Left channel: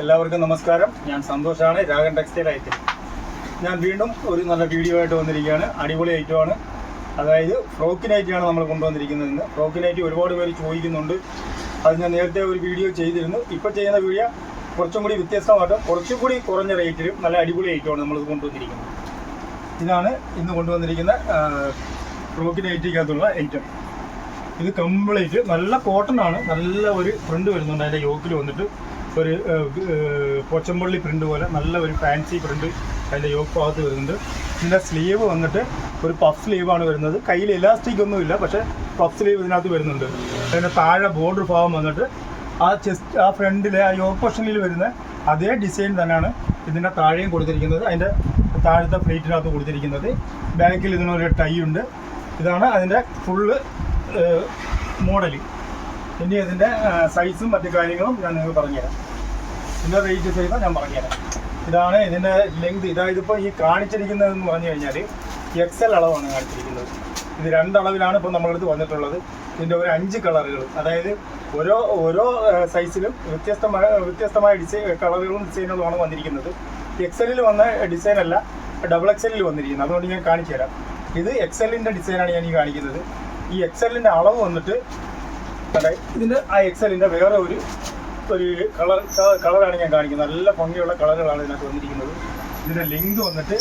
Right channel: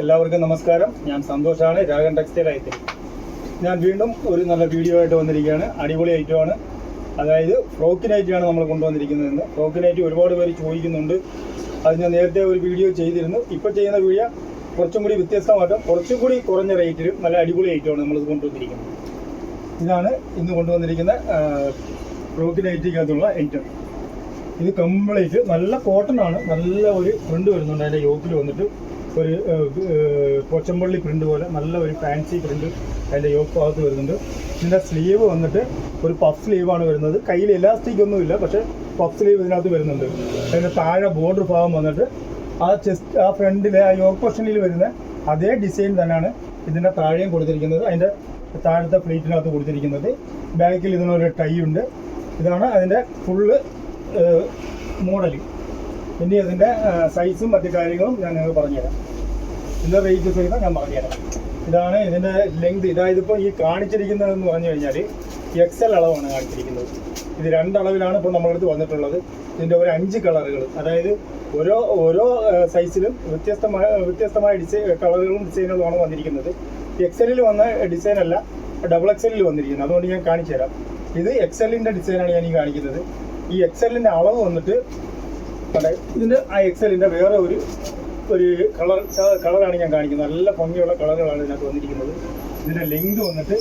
എല്ലാവർക്കും നമസ്കാരം. ഞാൻ സന്തോഷാണ്, രാഗൻ ടെക്സ്റ്റൈൽ ഐറ്റം. ഞാൻ വീണ്ടും ഒരു നല്ല വീഡിയോ ആയിട്ട് വന്നിരിക്കുകയാണ്. അടിപൊളി ഐറ്റമാണ്. അതായത് ഫ്രോക്ക് നൈറ്റിയാണ് നമ്മൾ കൊണ്ടുവന്നിരിക്കുന്നത്. ഫ്രോക്ക് നൈറ്റി ഒരുപാട് പേര് ചോദിക്കുന്നുണ്ട്. അത് ഞാൻ നേരത്തെ ഒരു വീഡിയോ ചെയ്തിരുന്നു. ഇപ്പോൾ ചെയ്യുന്ന വീഡിയോ കുറച്ചും കൂടി വ്യത്യസ്തമായിട്ട് കുറച്ചും കൂടി കുറഞ്ഞ റേറ്റിലും നല്ല അടിപൊളി ഐറ്റമാണ് നമ്മളിത് കൊണ്ടുവന്നിരിക്കുന്നത്. ഇതാണ് ഇന്ന് കൊണ്ടുവന്നിരിക്കുന്ന ഫ്രോക്ക് നൈറ്റിക്കകത്തുള്ള ഐറ്റം. ഇത് കംപ്ലീറ്റ് നല്ല കോട്ടൺ ആണ്. നല്ല ഒരു പ്രിന്റ് വരുന്നുണ്ട്. അതിൻ്റെ യോക്കിൽ വന്നിട്ട് ഒരു പോച്ചമ്പള്ളി പ്രിന്റ് പോലെ നല്ല ഒരു ഫാൻസി പ്രിന്റ് അതിൻ്റെ യോക്ക് ഭാഗത്ത് വരുന്നുണ്ട്. ഇതിൻ്റെ സ്ലീവ് വന്നിട്ട് ഒരു പഫ് സ്ലീവാണ് വരുന്നത്. കയ്യിൽ ഇലാസ്റ്റിക് ഒന്നുമില്ല, പക്ഷേ പഫ് സ്ലീവ് ഇതിനകത്ത് വരുന്നുണ്ട്. അതിൻ്റെ താഴെ ബോർഡർ ഭാഗം വന്നിട്ട് ആ ഫ്രണ്ടിലെ ആ യോക്ക് പൊസിഷനിൽ വരുന്ന അതേ ഡിസൈൻ തന്നെയാണ് ഇതിൻ്റെ താഴെയും കൊടുത്തിരിക്കുന്നത്. അതിൻ്റെ താഴത്തെ പ്ലേറ്റിനകത്ത് കൊടുത്തിരിക്കുന്നത്. ബാക്കിൽ ഇതിനൊരു ടൈ ഉണ്ട്. ഇതാണ് അതിൻ്റെ ഫുള്ള് മോഡൽ. ഇനി അതിൻ്റെ സൈസും മറ്റു കാര്യങ്ങളും ഞാൻ നിങ്ങൾക്ക് പറഞ്ഞുതരാം. ഇതിൻ്റെ റേറ്റ് സൈസ് ഞാൻ പറഞ്ഞുതരാം. ഇതാണ് ഇതിൻ്റെ ലെങ്ത്. ഇതിപ്പോൾ ഈ കാണിച്ചിരിക്കുന്നതെന്ന് പറഞ്ഞു കഴിഞ്ഞാൽ XL അളവാണ് കാണിച്ചിരിക്കുന്നത്. ഇത് 2 അളവിലാണ് ഇപ്പോൾ നമ്മളടുത്ത് വന്നിട്ടുള്ളത്. ഇതിൻ്റെ ഒരു 5 കളറുകൾ, അതായത് ഓരോ സൈസിലും വ്യത്യസ്തമായ കളറുകളും ഡിസൈനുകളുമാണ് വന്നിരിക്കുന്നത്. XL വന്ന ഡിസൈനല്ല, XXL വന്നിരിക്കുന്നത്. അതുകൊണ്ട് ഞാൻ കാണിച്ചു തരാം. ഇത് XL ഡിസൈനാണ് ഞാൻ ഈ കാണിക്കുന്നത്. ഈ XL അളവ് വന്നിട്ട് ഇതിൻ്റെ ആ XL വേറെ ഒരു കളറാണ് ഞാൻ കാണിക്കുന്നത്. നല്ല ഭംഗിയുള്ള കളറുകളാണ് ഇതിനകത്ത് വന്നിരിക്കുന്നത്. ഇതിൻ്റെ ലെങ്ത് വന്നിട്ട്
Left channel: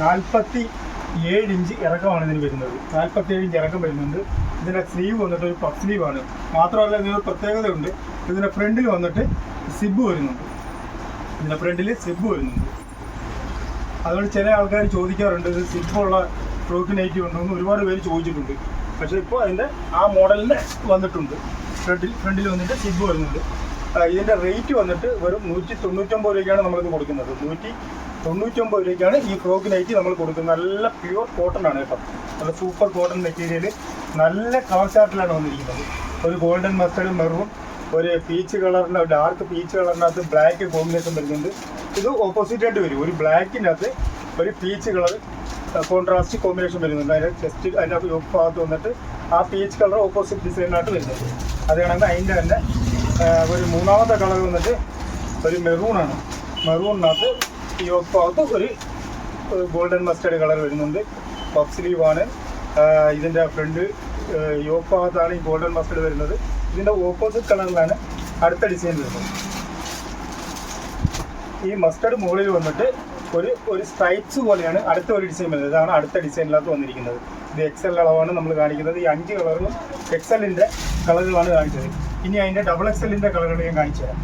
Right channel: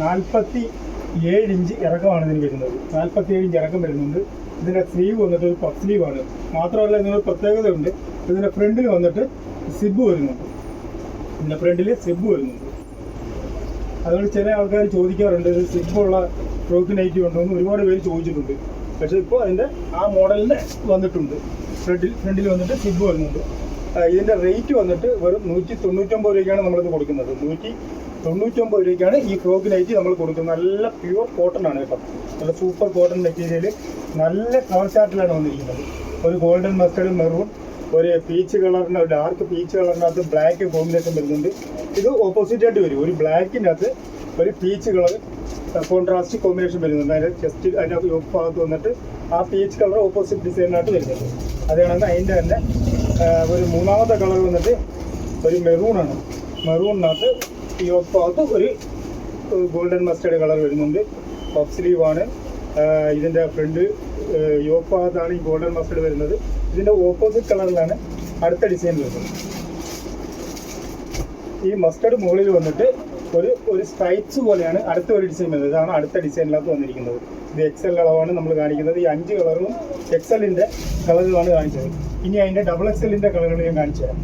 47 ഇഞ്ച് ഇറക്കമാണ് ഇതിന് വരുന്നത്. 47 ഇഞ്ച് ഇറക്കം വരുന്നുണ്ട്. ഇതിൻ്റെ സ്ലീവ് വന്നിട്ട് ഒരു പഫ് സ്ലീവാണ്. മാത്രമല്ല ഇതിനൊരു പ്രത്യേകതയുണ്ട്. ഇതിൻ്റെ ഫ്രണ്ടിൽ വന്നിട്ട് സിബ് വരുന്നുണ്ട്. അതുകൊണ്ട് ചില ആൾക്കാർ ചോദിക്കാറുണ്ട്, ഇത് സിബുള്ള ഫ്രോക്ക് നൈറ്റി ഉണ്ടോ എന്ന് ഒരുപാട് പേര് ചോദിച്ചിട്ടുണ്ട്. പക്ഷേ ഇപ്പോൾ അതിൻ്റെ ആ മോഡലിന് വന്നിട്ടുണ്ട്. ഫ്രണ്ടിൽ വന്നിട്ട് സിബ് വരുന്നുണ്ട്. ഇതിൻ്റെ റേറ്റ് വന്നിട്ട് വെറും 199 രൂപയ്ക്കാണ് നമ്മളിത് കൊടുക്കുന്നത്. 199 രൂപയ്ക്കാണ് ഈ ഫ്രോക്ക് നൈറ്റി നമ്മൾ കൊടുക്കുന്നത്. നല്ല പ്യുവർ കോട്ടൺ ആണ് കേട്ടോ. നല്ല സൂപ്പർ കോട്ടൺ മെറ്റീരിയൽ. നല്ല കളർ ചാർട്ടിലാണ് വന്നിരിക്കുന്നത്. ഒരു ഗോൾഡൻ മസ്റ്റേർഡ് മെറൂൺ, ഒരു പീച്ച് കളറിന്, ഡാർക്ക് പീച്ച് കളറിനകത്ത് ബ്ലാക്ക് കോമ്പിനേഷൻ വരുന്നുണ്ട്. ഇത് ഓപ്പോസിറ്റ് ആയിട്ട് വരും. ഒരു ബ്ലാക്കിനകത്ത് ഒരു പീച്ച് കളർ കോൺട്രാസ്റ്റ് കോമ്പിനേഷൻ വരുന്നുണ്ട്. അതിൻ്റെ ചെസ്റ്റ് അതിൻ്റെ യോക്ക് ഭാഗത്ത് വന്നിട്ട് ആ പീച്ച് കളർ ഓപ്പോസിറ്റ് ഡിസൈനിനായിട്ട് വരുന്നുണ്ട്. അതാണെങ്കിൽ അതിൻ്റെ തന്നെ ഒരു മൂന്നാമത്തെ കളർ വന്നിട്ട് ഒരു മെറൂണാണ്. മെറൂണിനകത്ത് യോക്ക് ഭാഗത്ത് ഒരു ഗോൾഡൻ മസ്റ്റേർഡ് കളർ വരുന്നുണ്ട്. പഫ് സ്ലീവാണ്. ഇതിൻ്റെ ഫ്രണ്ട് യോക്ക് ഭാഗത്താണ് ഈ ഗോൾഡൻ മസ്റ്റേർഡ് വരുന്നത്. ഇതിൻ്റെ ഓപ്പോസിറ്റ് കളറിലാണ് അടുത്ത ഡിസൈൻ വരുന്നത്. ഈ മസ്റ്റേർഡ് മുകളിൽ വന്നിട്ട് ഒരു സ്ട്രൈപ്സ് പോലെയാണ് അടുത്ത ഒരു ഡിസൈൻ വരുന്നത്. ഇതാണ് അടുത്ത ഡിസൈനിനകത്ത് വന്നിരിക്കുന്നത്. ഇത് XL അളവാണ് നമ്മൾ കാണിക്കുന്നത്. ഈ 5 കളറും XL കളറുകളാണ് കാണിച്ചത്. ഇനി അതിൻ്റെ XXL കളറുകൾ ഞാൻ കാണിച്ചു തരാം.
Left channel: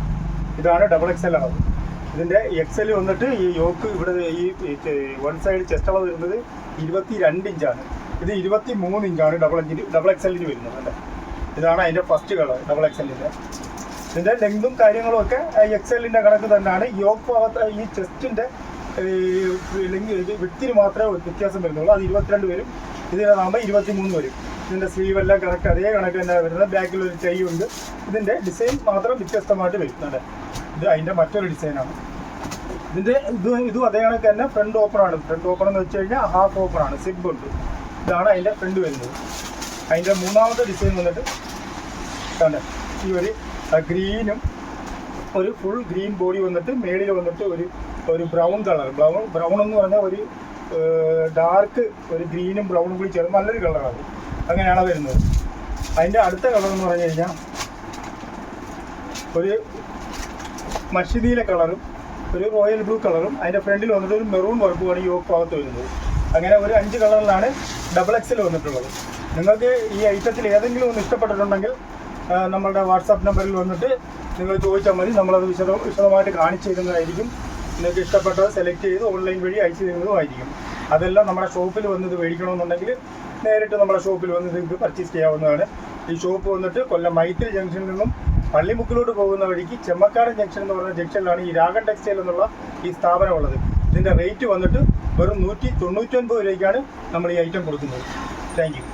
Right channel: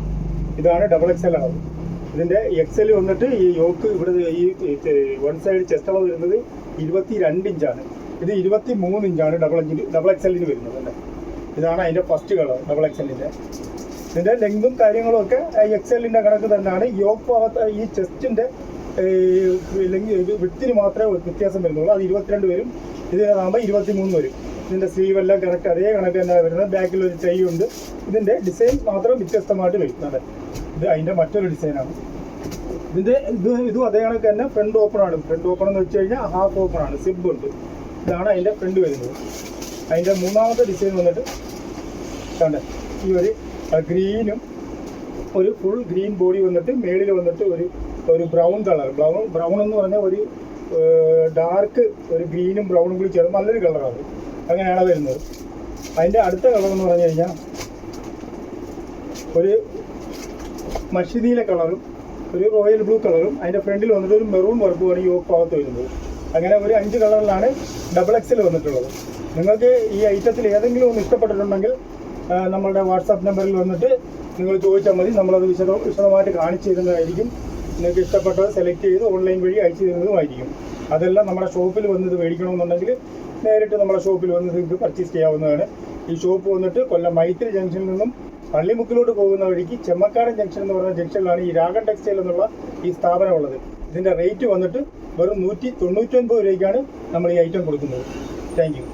ഇതാണ് XXL അളവ്. ഇതിൻ്റെ XL വന്നിട്ട് ഈ യോക്ക് ഇവിടെ ഈ വൺ സൈഡ് ചെസ്റ്റ് അളവ് വരുന്നത് 22 ഇഞ്ചാണ്. ഇത് 23 ഇഞ്ചാണ് XXL വരുന്നത്. ഇതാണ് അതിൻ്റെ ഫസ്റ്റ് കളർ XXL. ഇതിൻ്റെ ലെങ്തും കാര്യങ്ങളും ഒക്കെ XL കണക്ക് തന്നെയാണ്. യോക്ക് ഭാഗത്ത് ഈ ചെസ്റ്റിൻ്റെ വിത്തിന് മാത്രമേ വ്യത്യാസം വരുന്നുള്ളൂ. അത് 22 വരും. ഇതിനാകുമ്പോൾ 23 വരും. ഇതിൻ്റെ സ്ലീവ് എല്ലാം കറക്റ്റ് അതേ കണക്ക് തന്നെ വരുന്നത്. ബാക്കിൽ ഒരു ഉണ്ട്. ഇതിൻ്റെ ഡിസൈൻ മാത്രം വ്യത്യസ്തമായിട്ട് വരും. ഇത് അതിൻ്റെ മറ്റൊരു ഡിസൈനാണ്. ഇതും അതേ കണക്ക് തന്നെ ഫ്രണ്ട് ഓപ്പണാണ്. ഫ്രണ്ട് ഓപ്പൺ എന്ന് വെച്ച് കഴിഞ്ഞാൽ ഹാഫ് ഓപ്പണാണ്. സിബ് ഉണ്ട്. ഇതാണ് അതിൻ്റെ ഫ്രണ്ട് വരുന്നത്. അതിൻ്റെ മൂന്നാമത്തെ ഡിസൈൻ വന്നിട്ട് ഈ ഒരു ഗ്രീനും ഒരു ഫുൾ ഗ്രീൻ ബോഡി വന്നിട്ട് മേളിൽ വന്നിട്ട് ഒരു ബ്രൗൺ കളർ. ബ്രൗൺ എന്ന് പറഞ്ഞാൽ ഒരു ഡാർക്ക് ഒരു ഗ്രീനും ബ്രൗണും കൂടി ചേർന്ന് നല്ലൊരു കളറാണ്. അങ്ങനെയാണ് വരുന്നത്. അതിൻ്റെ അടുത്ത കളർ എന്ന് പറഞ്ഞു കഴിഞ്ഞാൽ ഒരു മഷിദീല കളറും ഒരു റോയൽ ബ്ലൂ കളറും അതിൻ്റെ ഫ്രണ്ടിൽ വന്നിട്ട് ഒരു മെറൂൺ വർക്കുമാണ് ഈ യോക്ക് ഭാഗത്ത് വരുന്നത്. അങ്ങനെ ഒരു 5 കളറിലാണ് XXL വന്നിട്ടുള്ളത്. നിങ്ങൾക്ക് ഈ ഐറ്റത്തിൽ ഏതെങ്കിലും ഒന്ന് ഇഷ്ടപ്പെട്ടിട്ടുണ്ടെങ്കിൽ നമ്മളുടെ വാട്സാപ്പ് നമ്പറിൽ വന്നിട്ട് നിങ്ങൾ ചോദിച്ചാൽ മതി. നമ്മളത് വിശദമായിട്ട് കാണിച്ചു തരുന്നതായിരിക്കും. നിങ്ങൾക്ക് ഇഷ്ടപ്പെട്ടത് സെലക്ട് ചെയ്ത് ഓൺലൈൻ വഴി അയച്ചു തരുന്നതുമായിരിക്കും. അതെല്ലാം നമ്മുടെ ഷോപ്പിൽ വന്നത് മേടിക്കണമെന്നുണ്ടെങ്കിൽ നേരിട്ട് നമ്മുടെ ഷോപ്പിൽ വന്ന് നിങ്ങൾക്ക് പർച്ചേസ് ചെയ്യാവുന്നതാണ്. ഈ ഷോപ്പ് വന്നിട്ട് കൊല്ലം മൈത്രി ജംഗ്ഷനിൽ നിന്നും പള്ളിമുക്കിലോട്ട് പോകുന്ന വഴിക്ക് ചെമ്മക്കാടൻ ജംഗ്ഷൻ എന്ന് പറഞ്ഞ ജംഗ്ഷനിലാണ് ഈ രാഗൻ ടെക്സ്റ്റൈൽ എന്നുള്ള ഈ സ്ഥാപനം ഉള്ളത്. ഇതിൻ്റെ റേറ്റ് വന്നിട്ട് വെറും 199 രൂപയ്ക്കാണ് നമ്മൾ ഈ ഐറ്റം കൊടുക്കുന്നത്. Thank you.